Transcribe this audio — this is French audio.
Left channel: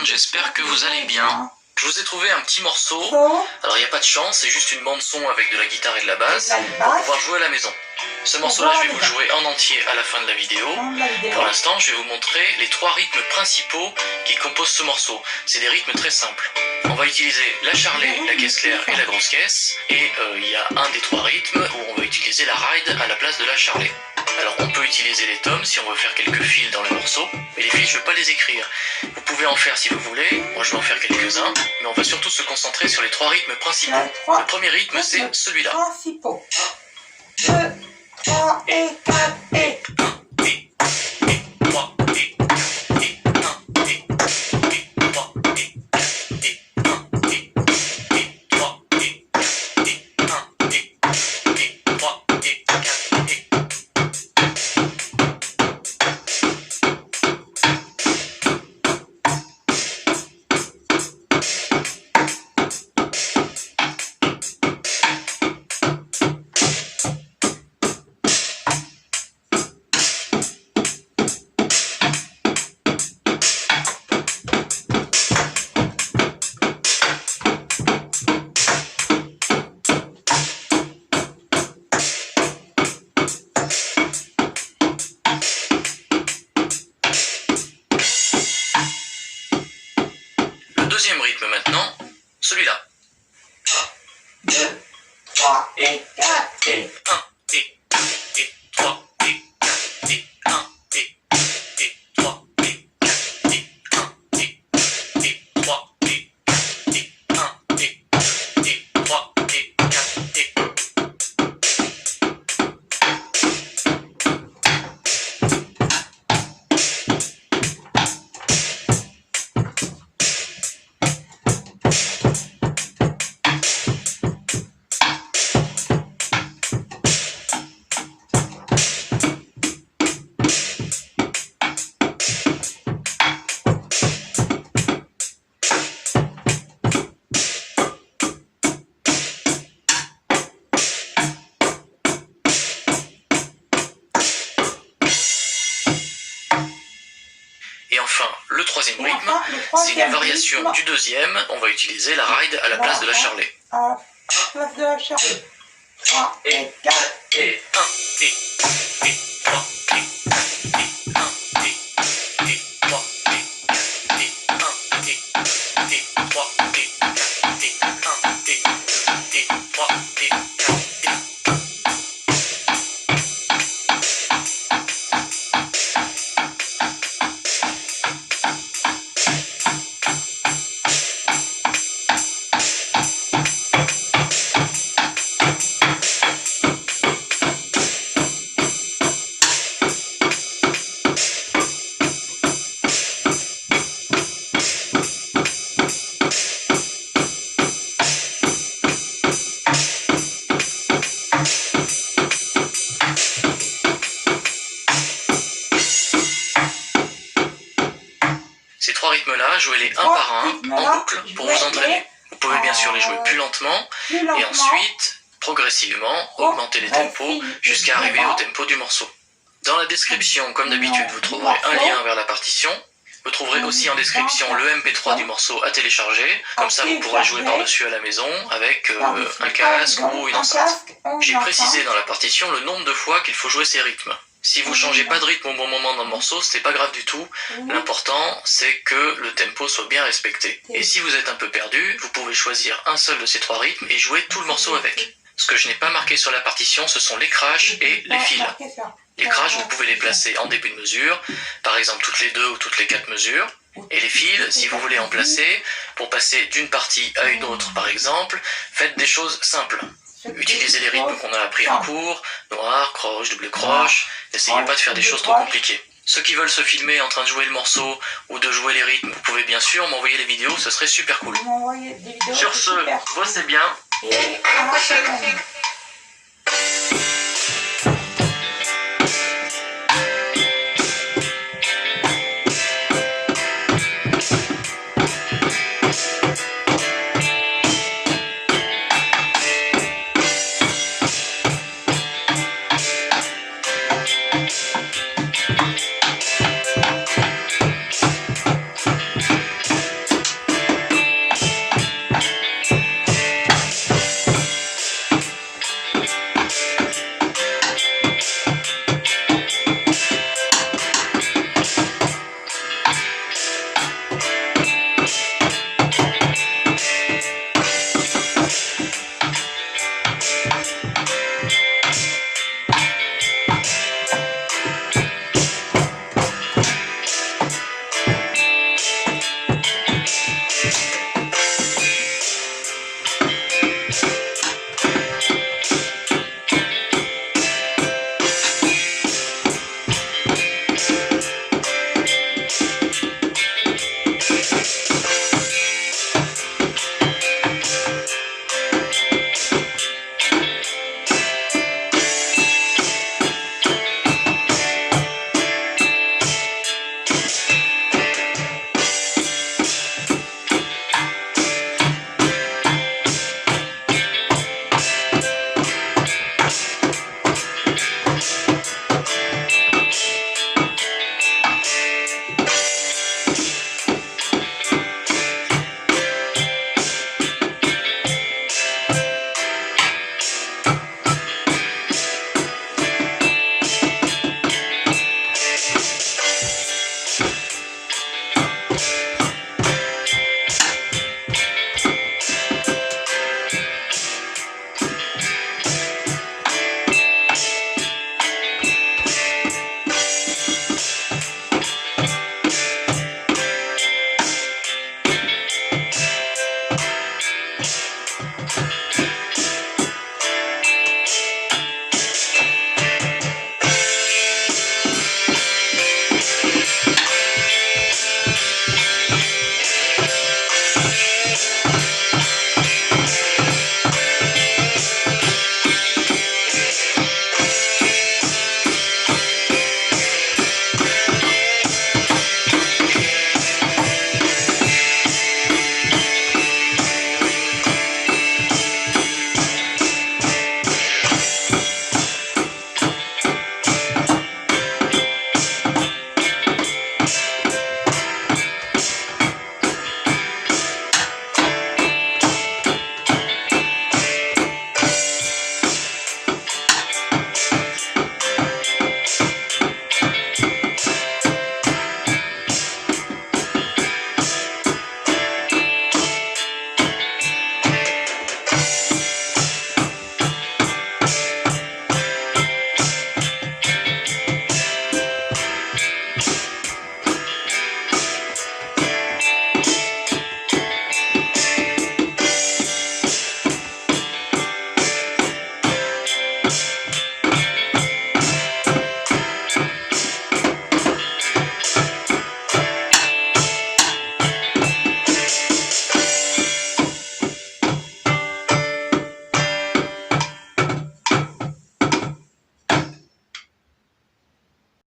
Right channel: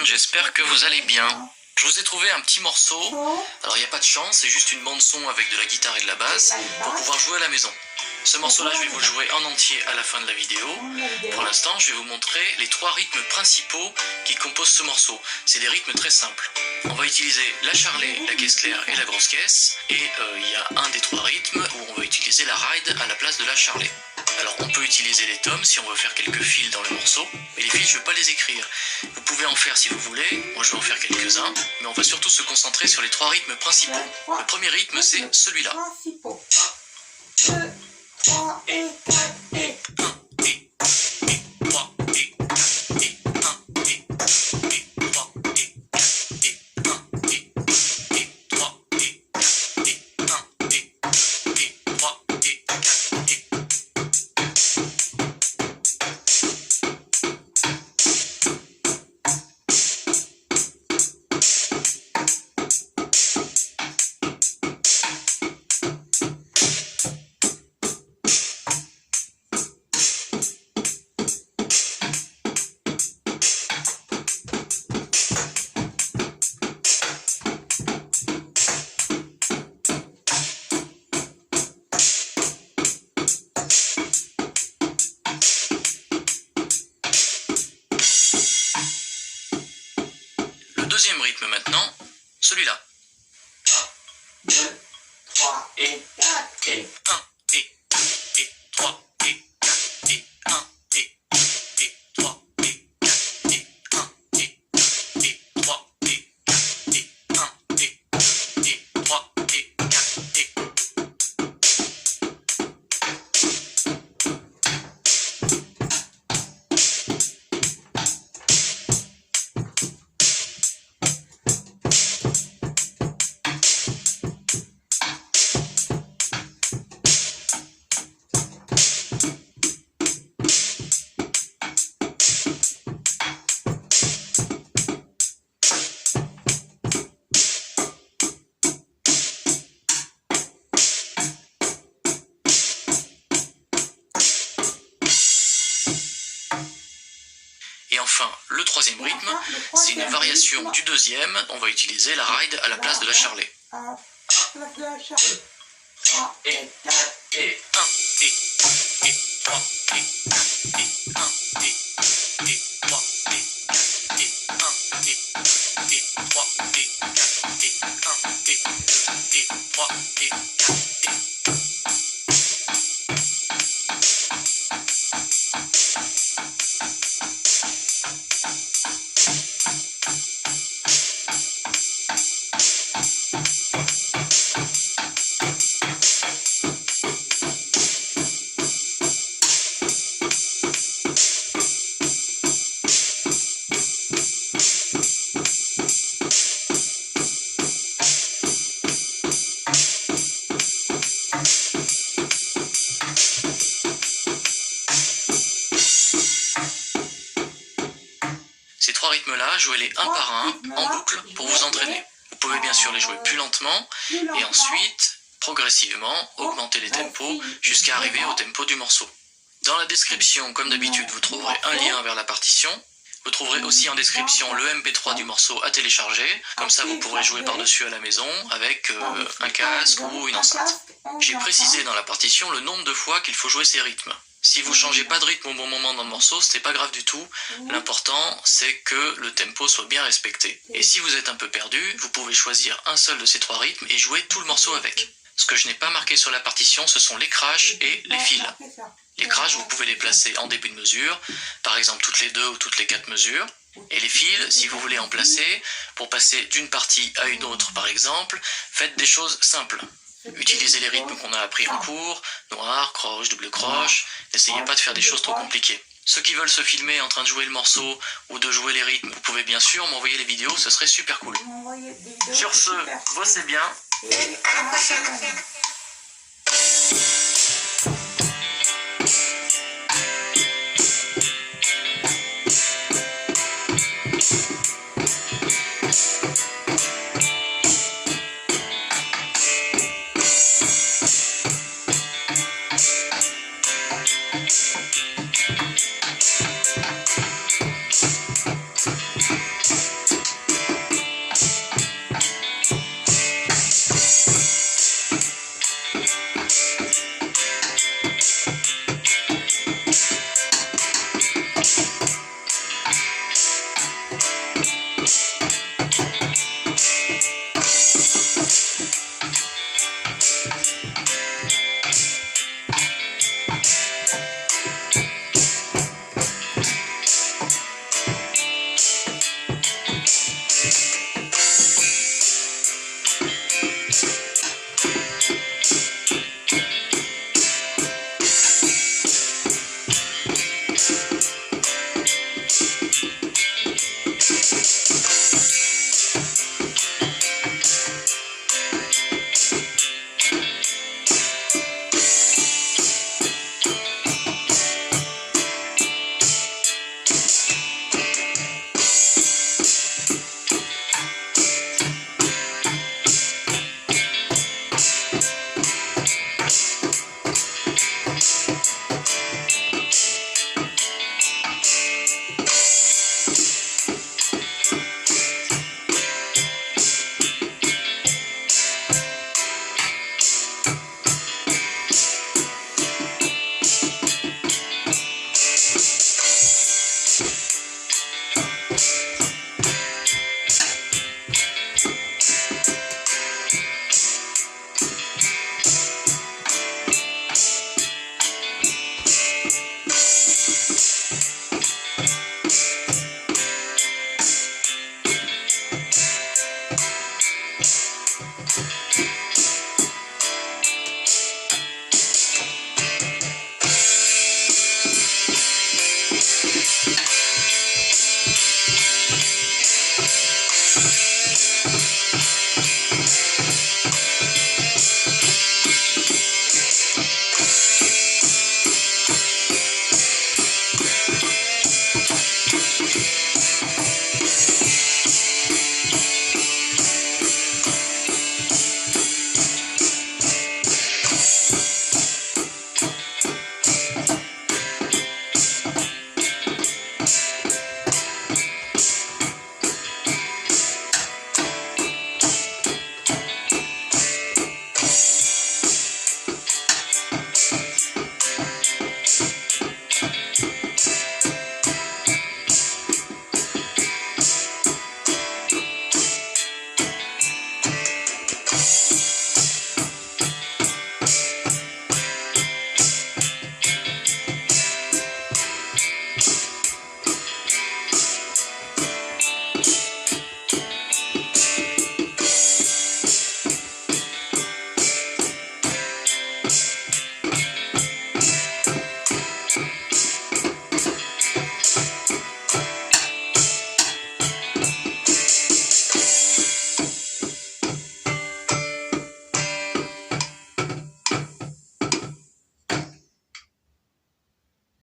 monde, j'espère que vous allez bien. Je vous ai trouvé un petit morceau. Alors il n'y a pas de chant, c'est juste une bande son avec de la guitare et de la basse pour pouvoir jouer à la maison. Ce morceau-là, je vais vous le jouer en entier à la fin de la vidéo. Pour l'instant, je vais vous montrer les 3 rythmes principaux qui composent ce morceau. C'est des rythmes très simples. On va utiliser la charlet, la caisse claire et la grosse caisse. Et il y a un des 3 rythmes où on va utiliser la ride à la place de la charlet. Alors on peut utiliser les tomes si on veut faire quelques fils dans le morceau, mais les fils je ne vais pas les écrire. Vous pouvez en faire si vous voulez, moi je vais en faire quelques-uns, mais on va surtout se concentrer sur les 3 rythmes principaux. Le premier rythme c'est celui-là. 2, 3 et 4 et 1 et 3 et 4 et 1 et 3 et 4 et 1 et 3 et 4 et 1 et 3 et 4 et deuxième rythme maintenant, celui-là. 2, 3 et 4 Et 1 et 2 et 3 et 4 et 1 et 2 et 3 et 4 et 1 et 2 et 3 et 4 et 1 et 2 et 3 et 4 et Et enfin, le troisième rythme, c'est une variation du deuxième. On va utiliser la ride à la place de la charlet. à la place de la charlet. 3 et 4 Et 1 et 2 et 3 et 4 et 1 et 2 et 3 et 4 et 1 et 2 et 3 et 4 et 1 et 2 et 3 et 4 et Ces 3 rythmes-là, jouez-les un par un, en boucle, pour vous entraîner. Vous pouvez bien sûr les jouer plus lentement, et ensuite, progressivement, augmenter les tempos jusqu'à arriver au tempo du morceau. Dans la description, comme d'habitude, vous trouverez un lien vers la partition. Vous trouverez aussi en description le MP3 du morceau à télécharger, comme ça vous pourrez jouer par-dessus à la maison avec un casque ou une enceinte. J'ai précisé dans la partition le nombre de fois qu'il faut jouer ces rythmes. Si vous changez pas de rythme au bon moment dans le morceau, c'est pas grave du tout. L'important, c'est que le tempo soit bien respecté. Et si vous êtes un peu perdu, vous pouvez choisir un seul de ces 3 rythmes et jouer tout le morceau avec. Ce que je n'ai pas marqué sur la partition, ce sont les crashs et les fils. Les crashs, vous pouvez les placer en début de mesure, par exemple toutes les 2 ou toutes les 4 mesures. Et les fils, si vous voulez en placer, pour passer d'une partie à une autre par exemple, faites des choses simples. Utilisez les rythmes qu'on a appris en cours, noir, croche, double croche, n'essayez pas de faire des choses trop compliquées. Ceux qui veulent se filmer en train de jouer le morceau ou de jouer les rythmes, vous pouvez bien sûr m'envoyer les vidéos, ce serait super cool. Sur ce, voici bien. Et à la prochaine.